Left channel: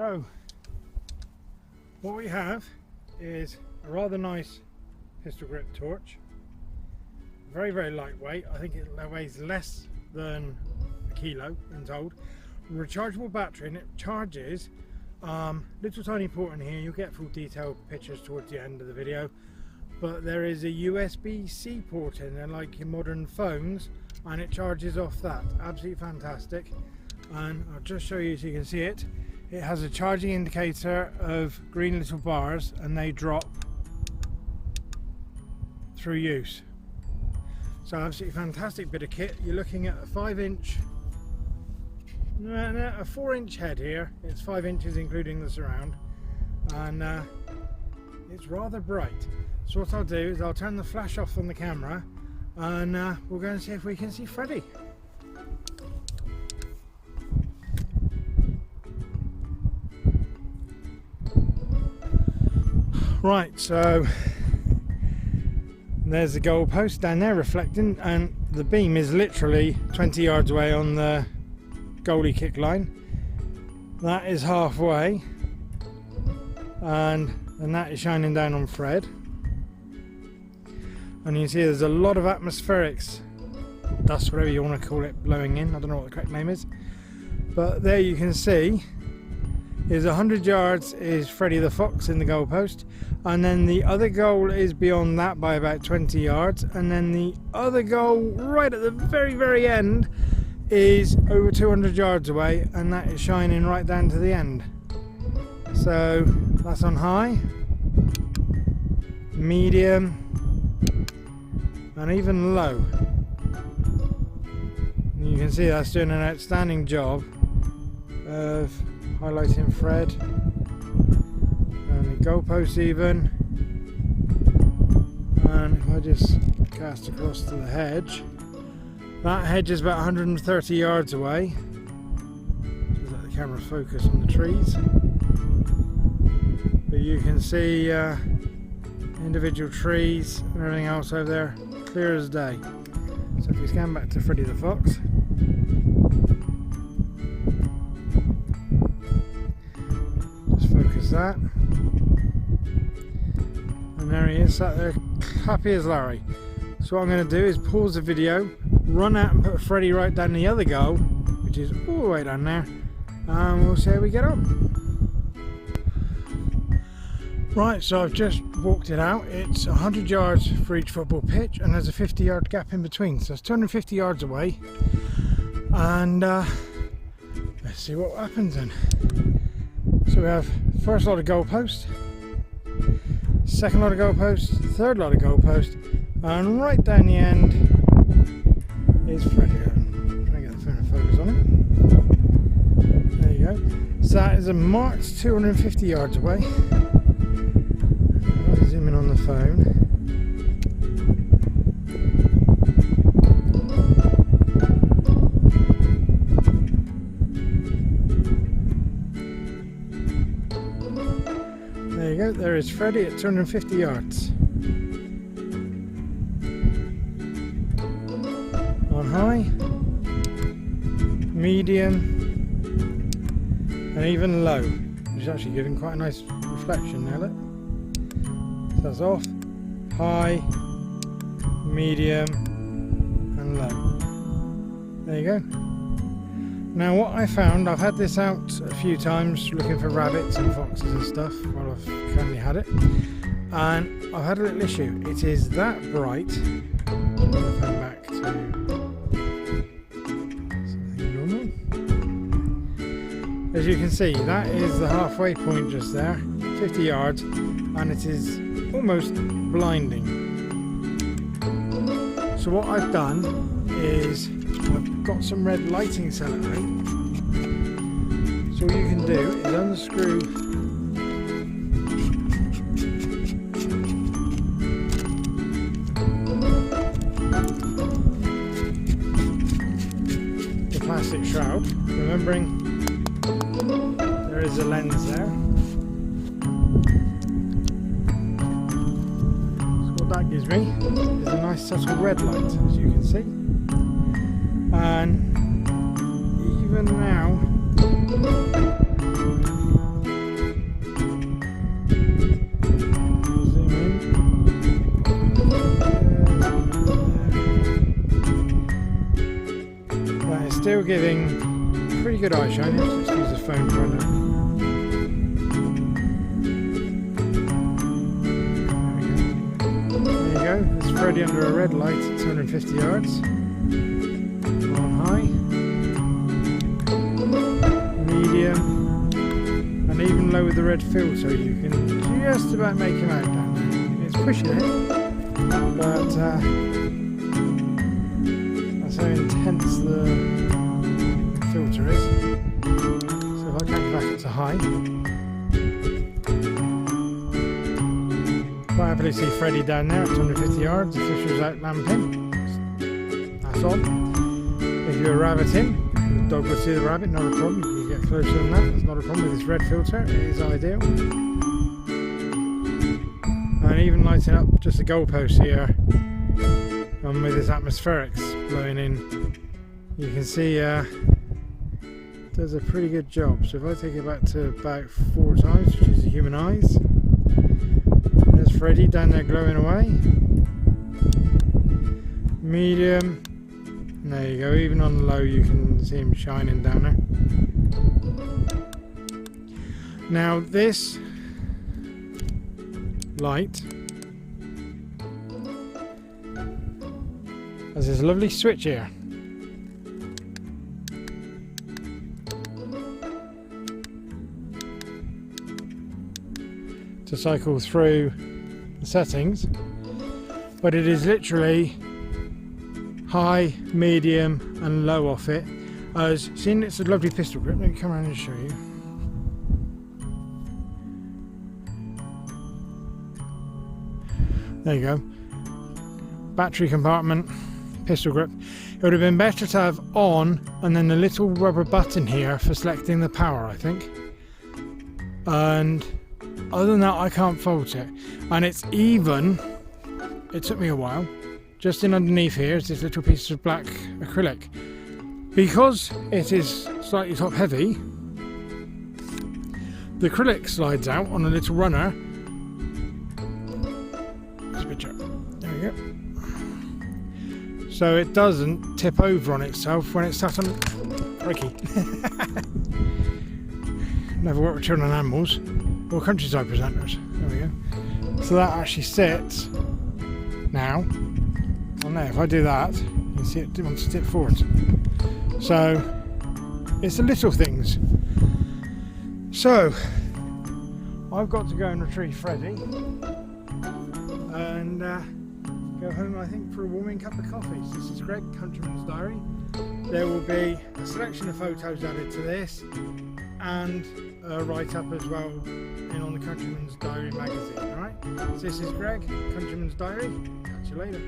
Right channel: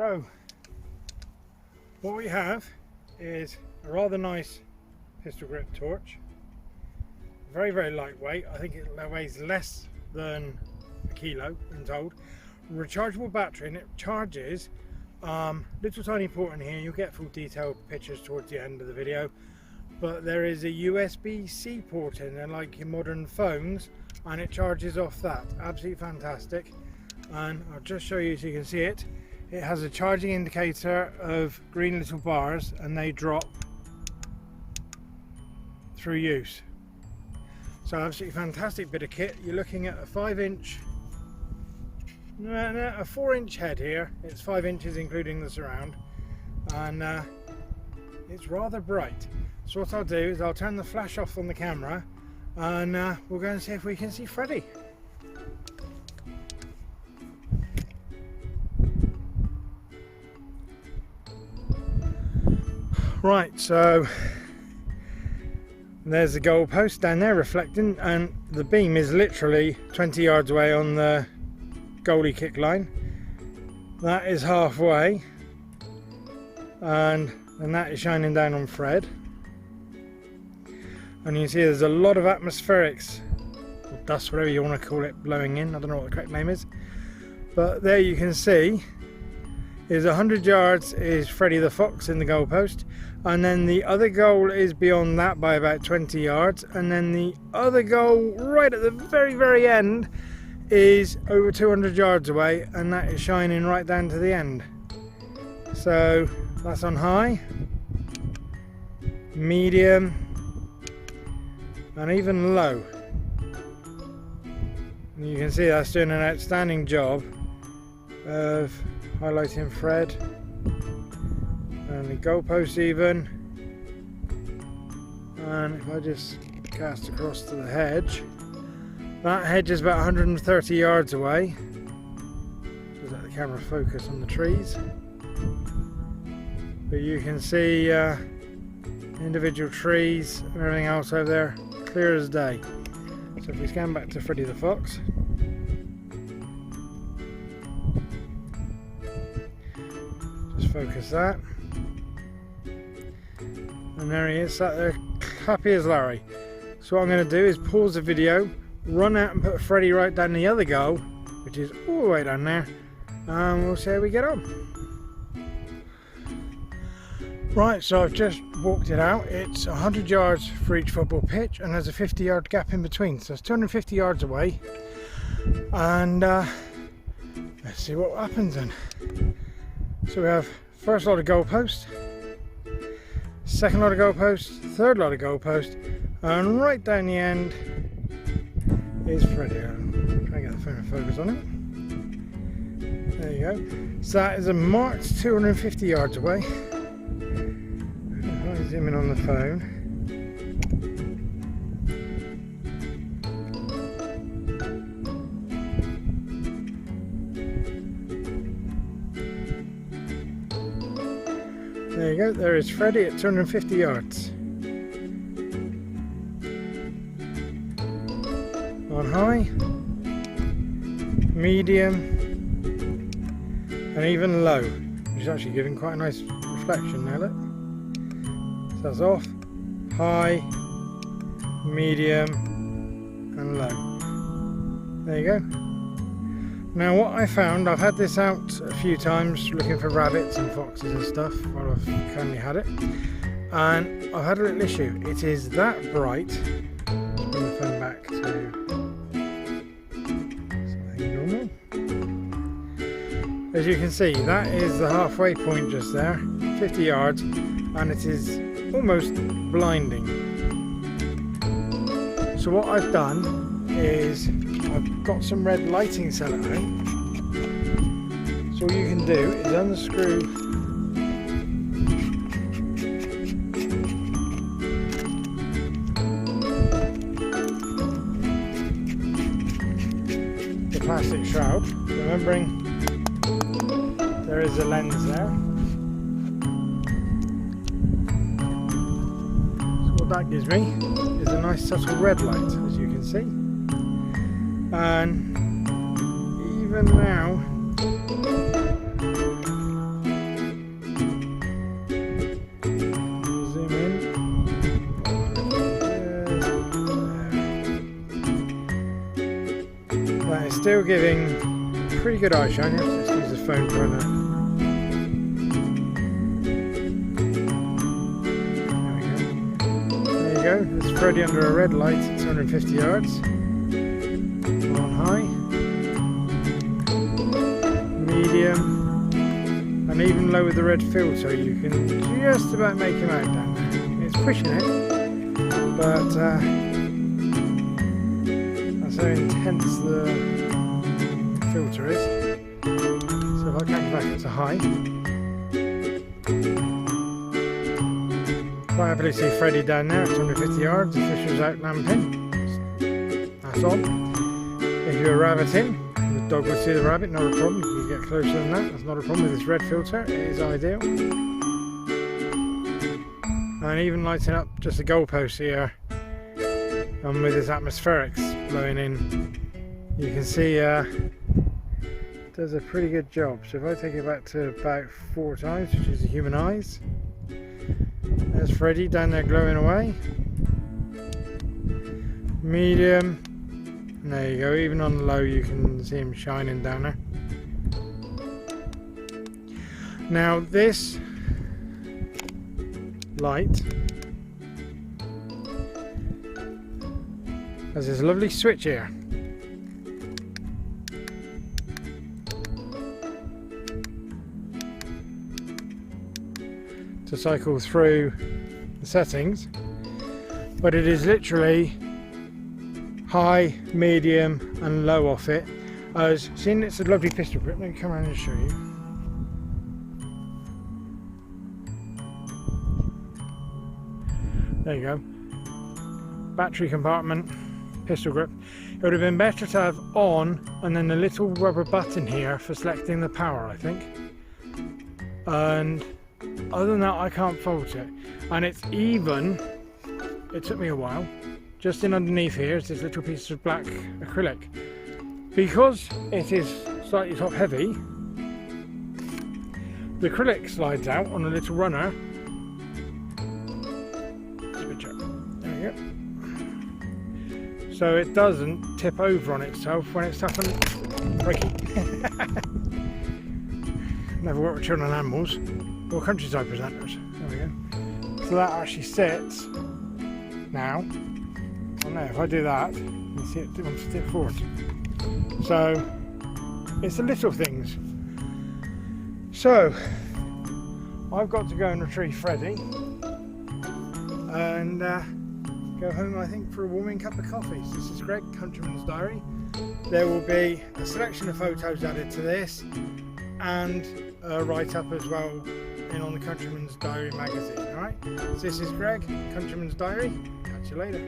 So what we have is a rather nice pistol grip torch, very lightweight. I think it weighs less than a kilo in told. Rechargeable battery, and it charges. Little tiny port in here. You'll get full detailed pictures towards the end of the video, but there is a USB-C port in there like your modern phones, and it charges off that. Absolutely fantastic. And I'll just show you so you can see it. It has a charging indicator of green little bars, and they drop through use. So absolutely fantastic bit of kit. You're looking at a 5-inch, no, a 4-inch head here. It's 5 inches including the surround, and it's rather bright. So what I'll do is I'll turn the flash off on the camera, and we'll go and see if we can see Freddy. Right, so there's the goal post down there reflecting, and the beam is literally 20 yards away on the goalie kick line. That is halfway, and that is shining down on Fred. And you can see there's a lot of atmospherics, dust, whatever you want to call it, blowing in. I don't know what the correct name is, but there you can see is 100 yards is Freddy the Fox in the goal post, and then the other goal is beyond that by about 20 yards, and then the other goal right at the very end is over 200 yards away, and that is shining right down to the end. So that's on high, medium, and even low. And you can see that's doing an outstanding job of highlighting Fred and the goalpost even. And if I just cast across to the hedge, that hedge is about 130 yards away. Just let the camera focus on the trees, but you can see individual trees and everything else over there clear as day. So if we scan back to Freddy the Fox, just focus that, and there he is, sat there happy as Larry. So what I'm going to do is pause the video, run out and put Freddy right down the other goal, which is all the way down there, and we'll see how we get on. Right, so I've just walked it out. It's 100 yards for each football pitch, and there's a 50-yard gap in between, so it's 250 yards away. And let's see what happens then. So we have first lot of goalpost, second lot of goalpost, third lot of goalpost, and right down the end is Freddy. I'm trying to get the phone to focus on it. There you go. So that is a marked 250 yards away. I'll zoom in on the phone. There you go, there is Freddy at 250 yards. On high, medium, and even low, which is actually giving quite a nice reflection now, look. That's off, high, medium, and low. There you go. Now what I found, I've had this out a few times looking for rabbits and foxes and stuff while I've currently had it, and I've had a little issue. It is that bright. I'm going to turn back to something normal. As you can see, that is the halfway point just there, 50 yards, and it is almost blinding. So what I've done is I've got some red lighting selector. So all you can do is unscrew the plastic shroud, remembering there is a lens there. So what that gives me is a nice subtle red light, as you can see. And even now still giving pretty good eye shine. Let's use the phone trying to. There you go. There's Freddy under a red light at 250 yards. On high. Medium. And even low with the red filter, you can just about make him out down there. It's pushing it, but that's how intense the filter is. So if I crank it back up to high, quite happily see Freddy down there at 250 yards. The fisher's out lamping. That's on. If you're rabbiting, the dog will see the rabbit, not a problem. You can get closer than that, that's not a problem with this red filter, it is ideal. And even lighting up just the goalpost here, and with its atmospherics blowing in, you can see does a pretty good job. So if I take it back to about 4 times, which is the human eyes, there's Freddy down there glowing away. Medium. And there you go, even on low you can see him shining down there. Now this light has this lovely switch here. To cycle through the settings, but it is literally high, medium and low off it. As seen, it's a lovely pistol grip. Let me come around and show you. There you go. Battery compartment, pistol grip. It would have been better to have on and then a little rubber button here for selecting the power, I think. And other than that, I can't fault it. And it's even, it took me a while. Just in underneath here is this little piece of black acrylic. Because it is slightly top heavy, the acrylic slides out on a little runner. There we go. So it doesn't tip over on itself when it's sat on Ricky. Never worked with children and animals or countryside presenters. There we go. So that actually sits now. And now if I do that, you see it wants to tip forward. So it's the little things. So I've got to go and retrieve Freddy and go home, I think, for a warming cup of coffee. So this is Greg, Countryman's Diary. There will be a selection of photos added to this and a write-up as well in on the Countryman's Diary magazine. Alright, so this is Greg, Countryman's Diary. Catch you later.